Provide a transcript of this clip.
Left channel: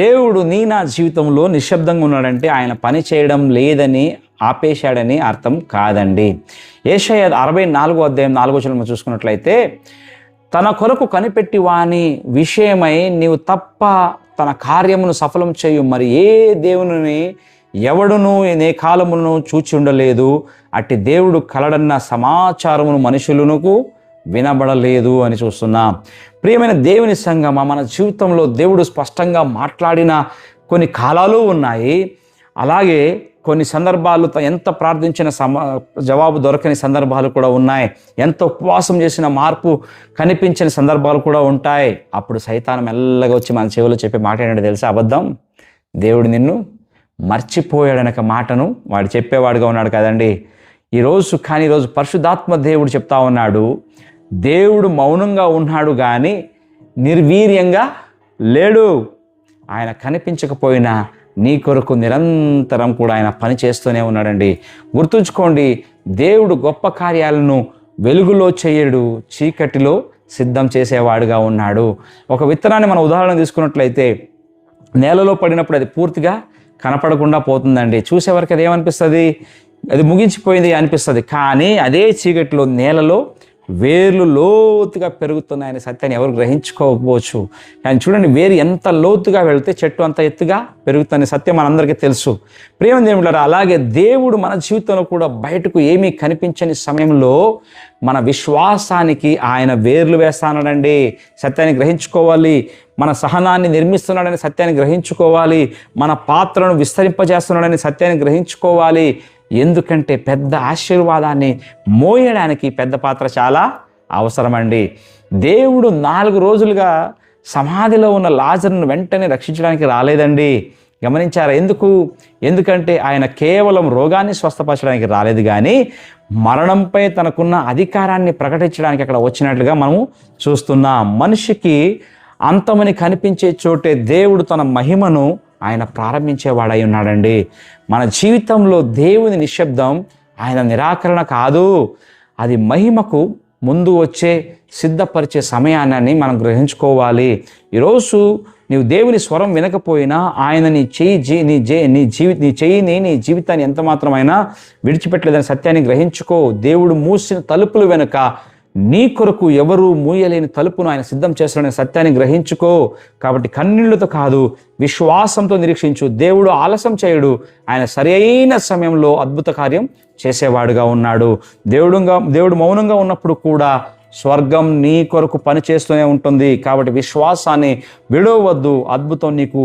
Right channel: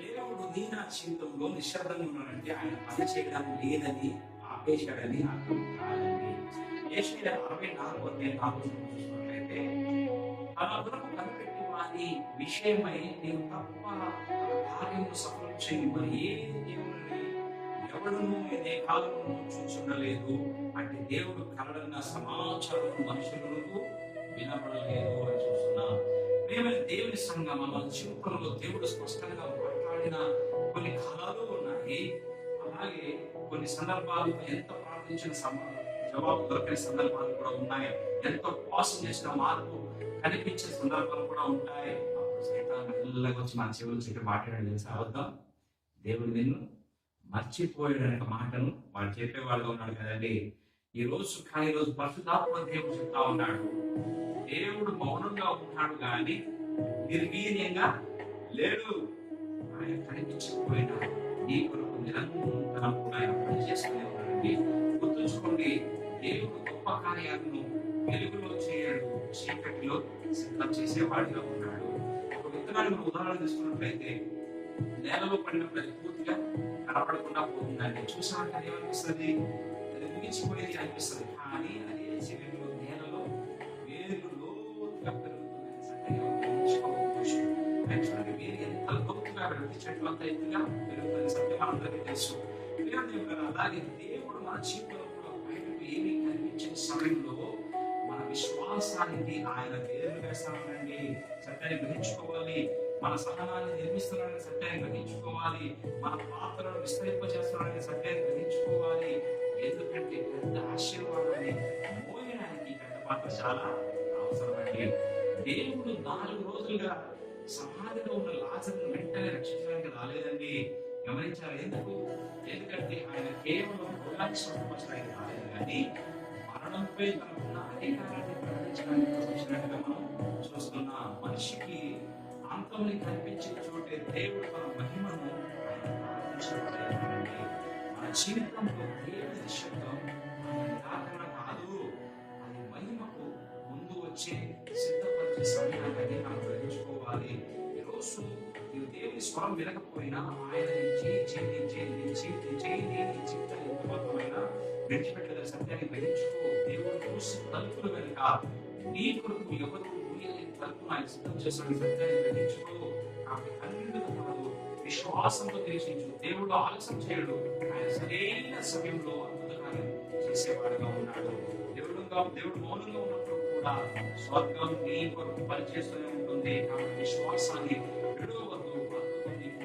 దేవుడు నా జీవితంలో నిశ్శబ్దంగా ఉన్నాడంటే ఆయన పని చేయడం లేదని ఆపేశాడని అర్థం కాదండి. యెషయా 64వ అధ్యాయం 4వ వచనం చూసుకున్నట్లయితే, తన కొరకు కనిపెట్టి వాని విషయమై నీవు తప్ప తన కార్యమును సఫలం చేయు మరి ఏ దేవుని ఎవడును నే కాలమును చూచి ఉండలేదు, అట్టి దేవుడు కలడన్న సమాచారమును మనుషులకు వినబడలేదు అని చూస్తున్నాం. ప్రియమైన దేవుని సంగమా, మన జీవితంలో దేవుడు స్పష్టంగా మాట్లాడిన కొన్ని కాలాలు ఉన్నాయి. అలాగే కొన్ని సందర్భాలు ఎంత ప్రార్థించిన జవాబు దొరకని సందర్భాలు కూడా ఉన్నాయి. ఎంత ఉపవాసం చేసిన మార్పు కనిపించిన సందర్భాలు కూడా ఉంటాయి. అప్పుడు సైతాను మెల్లగా వచ్చి మన చెవిలో చెప్పే మాట ఏంటంటే తెలుసా? అబద్ధం. దేవుడు నిన్ను మర్చిపోయాడనక మాటను వాడు చెప్పేవాడుగా ఉన్నాడు కదండి. ఈరోజు పరిశుద్ధాత్మ దేవుడు చెప్తా ఉన్నాడు, దేవుడు మౌనంగా ఉన్నాడు కానీ నిర్వీర్యంగా లేడు. ఆయన కనిపించకపోయినా నీ కొరకు నిరంతరం కూడా ఆయన పని చేస్తూనే ఉన్నాడండి. గుర్తుంచుకోండి, దేవుడు గొప్ప కార్యాలను వెలుగులో చేయడు, చీకటిలో సిద్ధం చేసేవాడుగా ఉన్నాడు. ఒక విత్తనాన్ని మనం ఉదాహరణ తీసుకున్నట్లయితే నేలలో పడినప్పుడు అది పూర్తిగా కనపడకుండా పోతుందండి. చూసేవరకు అది ఏమనిపిస్తుంది? అది ముగించిపోయింది అనిపిస్తుంది. కానీ అదే చీకటిలో నేలలో వేర్లు లోతుగా పెరుగుతున్నాయనే సత్యాన్ని ఎవరు గ్రహించుకోకపోవచ్చు. కానీ చూడండి, వేరు ఎంత లోతుగా వెళితే చెట్టు అంత ఎత్తుగా పెరుగుతున్న సత్యం మనందరికీ తెలుసు. ప్రియమైన దేవులారా, అలాగే దేవుడు మన జీవితంలో కూడా బయటకు ఏమీ కనిపించని సమయంలో మన విశ్వాసానికి ఆయన వేర్లు వేస్తానడండి. సత్యాన్ని గ్రహించుకోవాలి. మన సహనాన్ని నిర్మిస్తున్నాడని సత్యాన్ని గ్రహించుకోవాలి. మన పాత్రను విస్తరింపజేస్తున్నాడని సత్యాన్ని గ్రహించుకోవాలి. ఎందుకంటే పెద్ద ఆశీర్వాదాన్ని మోయడానికి పెద్ద పాత్ర చాలా అవసరమండి. దేవుడు 4 రోజులుగా సమాధిలో ఉన్న లాజరును వెంటనే రక్షించడానికి రాలేదండి. గమనించారా? ఎందుకంటే ఆయన కేవలం రోగాన్ని స్వస్థపరచడానికి రాలేదు, కానీ మరణంపై తనకున్న అధికారాన్ని ప్రకటించడానికి అక్కడ వచ్చినట్లుగా మనము చూస్తున్నాం. మనిషికి అంతమని కనిపించే చోటే దేవుడు తన మహిమను ఆయన ప్రారంభించేవాడై ఉన్నాడండి. మన జీవితంలో దేవుని నిశ్శబ్దం ఆయన నిరాకరణ కాదు, అది మహిమకు ముందు వచ్చే సిద్ధపరిచే సమయాన్ని మనం గ్రహించుకోవాలి. ఈరోజు నీవు దేవుని స్వరం వినకపోయినా ఆయన నీ జీవితాన్ని ఎంత మాత్రమైనా విడిచిపెట్టలేదని సత్యాన్ని గ్రహించుకో. దేవుడు మూసిన తలుపులు వెనుక నీ కొరకు ఎవరు మూయలేని తలుపును ఆయన సిద్ధం చేస్తాడనే సత్యాన్ని గ్రహించుకో. కాబట్టి కన్నీళ్లతో కాదు, విశ్వాసంతో నిరీక్షించు. దేవుడు ఆలస్యం చేయడు, ఆయన సరైన సమయంలో అద్భుత కార్యం చేసేవాడుగా ఉన్నాడు. దేవుడు మౌనంగా ఉన్నప్పుడు కూడా స్వర్గం నీ కొరకు పని చేస్తూనే ఉంటుంది. కాబట్టి విశ్వాసాన్ని విడవద్దు, అద్భుతం నీకు